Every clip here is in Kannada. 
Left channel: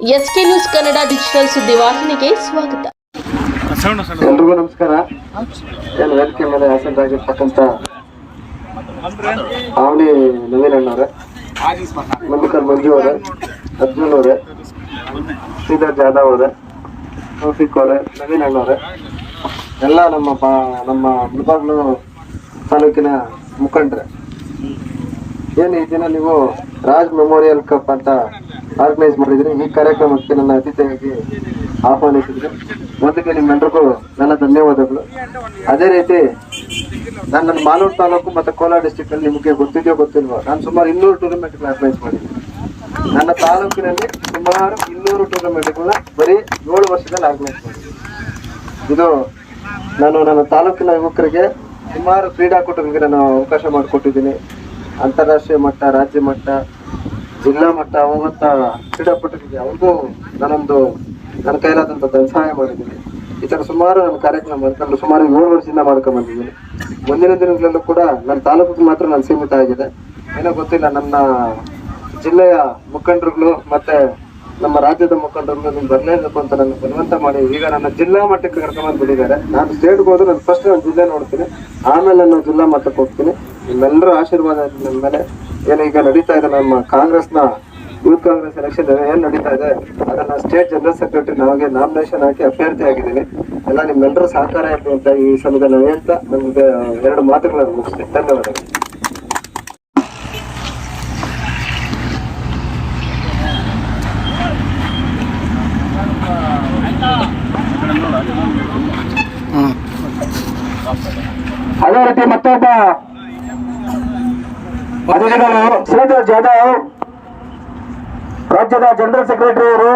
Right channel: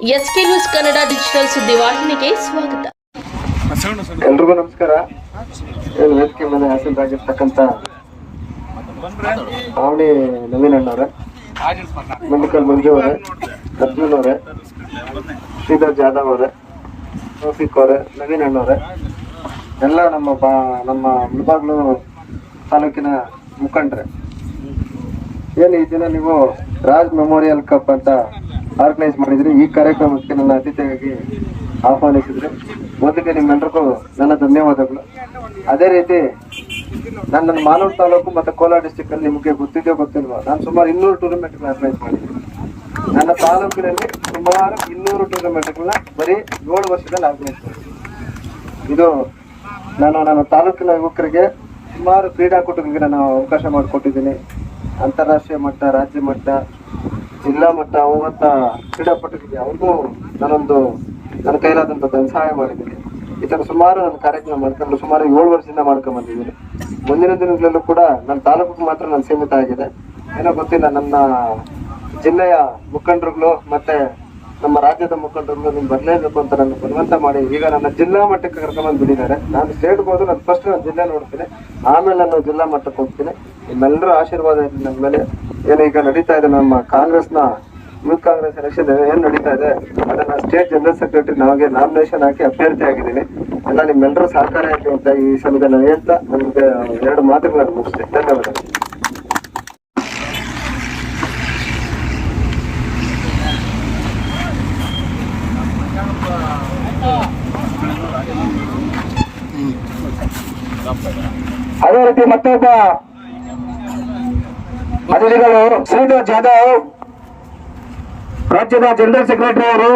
ಎಸ್ಕೆ ನ್ಯೂಸ್ ಕನ್ನಡ ಡಿಜಿಟಲ್ ಸುದ್ದಿವಾಹಿನಿಗೆ ಸ್ವಾಗತ. ಎಲ್ರಿಗೂ ನಮಸ್ಕಾರ. ಏನು ವೇದಿಕೆ ಮೇಲೆ ಹಾಸನರಾಗಿರ್ತಕ್ಕಂಥ ಆವಣಿ ನವೀನ್ ಅಣ್ಣವ್ರೆ ಮುಂದಿಕಲ್ ಮಂಜು ಅವರೇ ಅರ್ಜುನ್ ಅವರೇ ಶ್ರೀಧರ್ ಜಾಧವ್ ಅವರೇ ತೌಫಿಕ್ ಅವರೇ ನವೀನ್ ಅಣ್ಣವ್ರೆ ಎಲ್ಲ ನಮ್ಮ ಬಾ ನಮ್ಮ ಮುಳಬಾಗ್ಲು ತಾಲೂಕಿನ ಮುಖಂಡ್ರೆ. ಏನು ಈ ದಿನ ನೀವು ರಾಜ್ ಮೆಮೋರಿಯಲ್ ಕಪ್ ಅಂತ ಆರ್ಗನೈಸ್ ಮಾಡಿದ್ರಿ ಈ ಕಾರ್ಯಕ್ರಮಕ್ಕೆ ನನ್ನ ಅತಿಥಿಯಾಗಿ ಆಹ್ವಾನಿಸಿದ್ರೆ. ಮೊದಲಿಗೆ ನಿಮ್ಮೆಲ್ಲರಿಗೂ ನನ್ನ ಧನ್ಯವಾದಗಳು. ಅದೇ ರೀತಿ ನಾನು ನನ್ನ ಮಾಲೂರು ತಾಲೂಕು ಮತ್ತು ಕೋಲಾರ ಡಿಸ್ಟಿಕ್ ಅಲ್ಲಿ ನಿಮಗೆ ಗೊತ್ತಿದೆಯೋ ಗೊತ್ತಿಲ್ವೋ, ನಾನು ಸುಮಾರು ಇನ್ನೂರು ಟೂರ್ನಮೆಂಟ್ ಆರ್ಗನೈಸ್ ಮಾಡಿದ್ದೀನಿ. ನನ್ನ ತಾಲೂಕಿನಲ್ಲಿ ಸುಮಾರು ಇನ್ನೂರು ಟೂರ್ನಮೆಂಟ್ಗಳನ್ನ ಬರೀ ಏಳು ವರ್ಷದಲ್ಲಿ ಆರ್ಗನೈಸ್ ಮಾಡಿದ್ದೀನಿ. ಇದು ನಾನು ನನ್ನ ತಾಲೂಕಿನ ಯುವಕರಿಗೆ ಸುಮಾರು ಕ್ರೀಡಾಕೂಟಗಳಿಗೆ ನಾನು ಅವಕಾಶ ಮಾಡಿಕೊಟ್ಟಿದ್ದೀನಿ. ಅಂತಾರಾಷ್ಟ್ರೀಯ ಮಟ್ಟ, ರಾಜ್ಯ ಮಟ್ಟ ಜಿಲ್ಲಾ ಮಟ್ಟ ಹೋಗಂತ ಕ್ರೀಡಾಪಟುಗಳಿಗೆ ಅವ್ರಿಗೂ ನಾನೊಂದು ನನ್ನ ಕೈಲಾದಂಥ ಸಹಾಯ ಮಾಡಿದ್ದೀನಿ. ಈ ಥರ ಸುಮಾರು ನನ್ನ ಕಾರ್ಯಕ್ರಮ ಮಾಡ್ಕೊಂಡು ಸುಮಾರು ಏಳು ವರ್ಷದಿಂದ ಮಾಡ್ಕೊಂಡು ಬಂದಿದ್ದೀನಿ. ಮುಂದಿನ ದಿನಗಳಲ್ಲೂ ಕೂಡ ನನ್ನ ತಾಲೂಕಿಗೆ ಮಾತ್ರ ನಾನು ಸೀಮಿತ ಆಗಿದೆ. ಏನೋ ಗೊತ್ತಿಲ್ಲ, ನನ್ನ ಜಿಲ್ಲೆಯ ಮುಖಂಡರುಗಳು ಮತ್ತೆ ನಮ್ಮ ರಾಜ್ಯದ ಮುಖಂಡರುಗಳು ನೀವು ಬರಲೇಬೇಕು ಅಂತ ನನ್ನ ಬಲವಂತ ಮಾಡಿ, ಈಗ ನನ್ನ ಜಿಲ್ಲಾ ಮಟ್ಟಕ್ಕೆ ಕರ್ಕೊಂಡ್ಬಂದು ಬಿಟ್ಟಿದ್ದಾರೆ. ನಾನು ಸ್ಟೇಟ್ಗೆ ಹೋದ್ರೆ ನಾನು ಫಸ್ಟ್ ನಾನು ಜಿಲ್ಲೆ ನೋಡ್ತೀನಿ, ಆಮೇಲೆ ನಾನು ಜಿಲ್ಲಾ ಮಟ್ಟಕ್ಕೆ ಹೋಗ್ತೀನಿ. ನಿಮ್ಮೆಲ್ಲರೂ ಆಶೀರ್ವಾದ ನನ್ನ ಮೇಲೆ ಏನು ಈಗ ನಡೀತಾ ಇದೆ ನಮ್ಮ ಕಾಂಗ್ರೆಸ್ನ ಯೂತ್ ಕಾಂಗ್ರೆಸ್ ಎಲೆಕ್ಷನ್ ಏನು ನಡೀತಾ ಇದೆ ಅದನ್ನ ಸ್ಟೇಟ್ ಜನರಲ್ ಸೆಕ್ರೆಟರಿ ನಮಗೆ ನಾಮಿನೇಷನ್ ಹಾಕಿ ಅಭ್ಯರ್ಥಿ ಆಗಿದ್ದೀನಿ. ಅಲ್ಲ ನಿಮ್ಮೆಲ್ಲರೂ ಸಹಕಾರ ಇರಲಿ ಅಂತ ಈ ಸಮಯದ ನಾವು ಹೇಳ್ತಾ ನಮ್ಗೆ ಎರಡು ಮಾತುಗಳನ್ನು ಮುಗಿಸ್ತೀನಿ. ಧನ್ಯವಾದಗಳು. ಅದೇ ರೀತಿ ಮತ್ತೊಬ್ಬ ಅಧಿಕಾರಿಗಳು ಶ್ರೀಧರ್ ಜಾಧವ್ ರಾಜ್ಯದ ಜನರಲ್ ಸೆಕ್ರೆಟರಿ ಅವರು.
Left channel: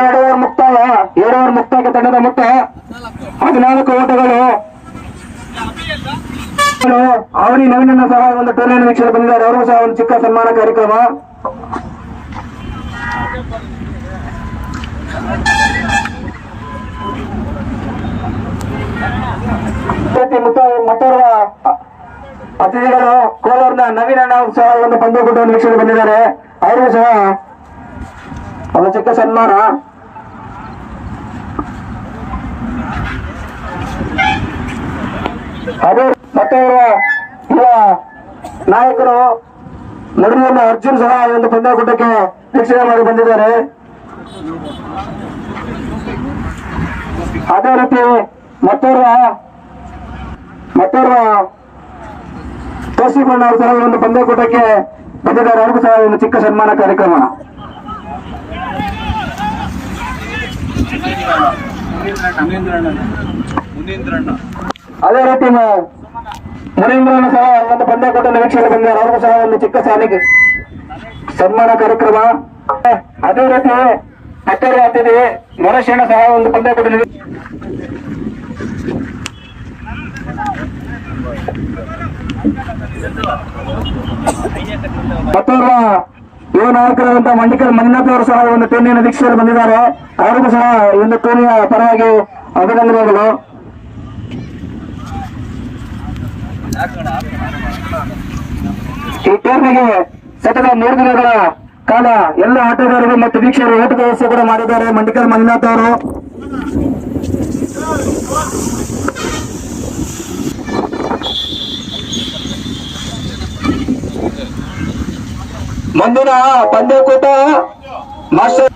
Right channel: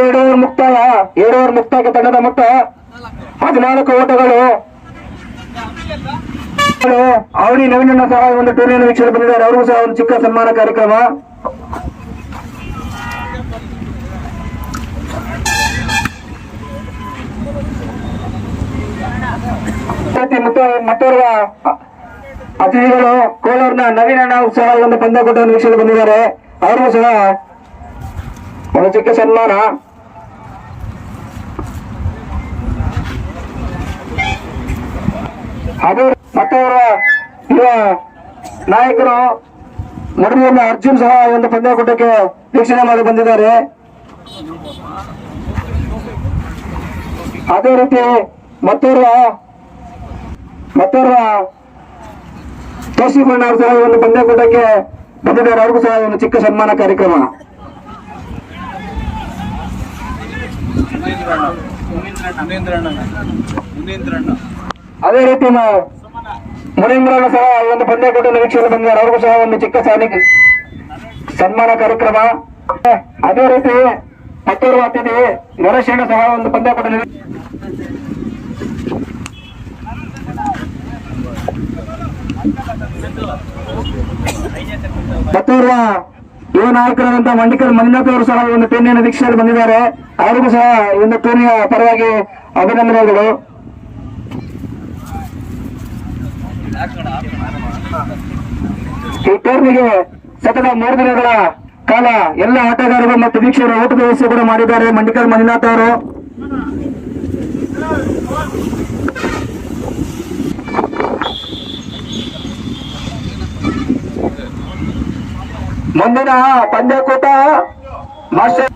ಎರಡು ಓವರ್ ಮುಕ್ತಾಯ ಎರಡ್ ಓವರ್ ಮುಕ್ತಾಯಕ್ಕೆ ತಂಡದ ಮೊತ್ತ ಹದಿನಾಲ್ಕು ಓಟಗಳು. ಅವರಿ ನವೀನ ಸಹ ಒಂದು ಟೂರ್ನಿಯನ್ನು ವೀಕ್ಷಣೆ ಬಂದಿದ್ದಾರೆ. ಅವರು ಸಹ ಒಂದು ಚಿಕ್ಕ ಸನ್ಮಾನ ಕಾರ್ಯಕ್ರಮ. ಮತ್ತೆ ಮತ್ತೋರ್ವ ಅತಿಥಿಗಳು ಕೋಲಾರ್ನ ನವೀನ ಒಂದು ಪಂದ್ಯಕೂಟವನ್ನು ವೀಕ್ಷಣೆ ಬಂದಿದ್ದಾರೆ. ಅವರಿಗೂ ಸಹ ಒಂದು ಚಿಕ್ಕ ಸನ್ಮಾನ. ಅದೇ ಮತ್ತೋರ್ವ ಯುವ ನಾಯಕರು ನಡುವಿನ ಅರ್ಜುನ್ ಸಹ ಒಂದು ಪಂದ್ಯಕೂಟಕ್ಕೆ ವೀಕ್ಷಣೆ ಮಾಡಿ ಬಂದಿದ್ದಾರೆ. ಅದೇ ರೀತಿ ಮತ್ತೋರ್ವ ಮತ್ತೋರ್ವ ತೋಸಿಕೊಂಡ ಅವರ ಸಹ ಒಂದು ಪಂದ್ಯಕೂಟಕ್ಕೆ ಬಂದಿದ್ದಾರೆ ಅವ್ರಿಗೂ ಸಹ ಒಂದು ಚಿಕ್ಕ ಸನ್ಮಾನ ಕಾರ್ಯಕ್ರಮ. ಅದೇ ರೀತಿ ಮುನೀಂದ್ರನ ಸಹ ಒಂದು ಪಂದ್ಯಕೂಟವನ್ನು ನಿರೀಕ್ಷೆಯಲ್ಲಿ ಬಂದಿದ್ದಾರೆ ಅವ್ರಿಗೂ ಸಹ ಒಂದು ಚಿಕ್ಕ ಸಾಲಿಗೆ ಸನ್ಮಾನ ಕಾರ್ಯಕ್ರಮ. ಅದೇ ರೀತಿ ಮತ್ತೋರ್ವ ಅತಿಥಿ ಗಣೇಶಣ್ಣ ಸಹ ಒಂದು ಪಂದ್ಯಕೂಟವನ್ನು ಮತ್ತೋರ್ವ ಯುವ ನಾಯಕರಾದಂತಹ ಮಂಡಿಕಲ್ ಮಂಜುನಾಥ್ ಅವರು ಸಹ ಒಂದು ಟೂರ್ನಿಯನ್ನು ವೀಕ್ಷಣೆ ಬಂದಿದ್ದಾರೆ. ಅವರಿಗೂ ಸಹ ಒಂದು ಟೂರ್ನಿಯ ಪರವಾಗಿ ಅಭಿನಂದನೆಗಳು. ಈ ಟೂರ್ನಿಗೆ ಸತತ ಮೂರು ದಿನಗಳ ಕಾಲ ಎಲ್ಲ ಆಟಗಾರರು ಮತ್ತು ವೀಕ್ಷಕರು ಓಟದ ವ್ಯವಸ್ಥೆ ಕೂಡ ಮಾಡಿದ್ದಾರೆ. ಮಂಡಿಕಲ್ ಮಂಜುನಾಥ್ ಅವರು. ಮುಂದಿನ ಪಂದ್ಯಕೂಟ ಮಾಸ್ಟರ್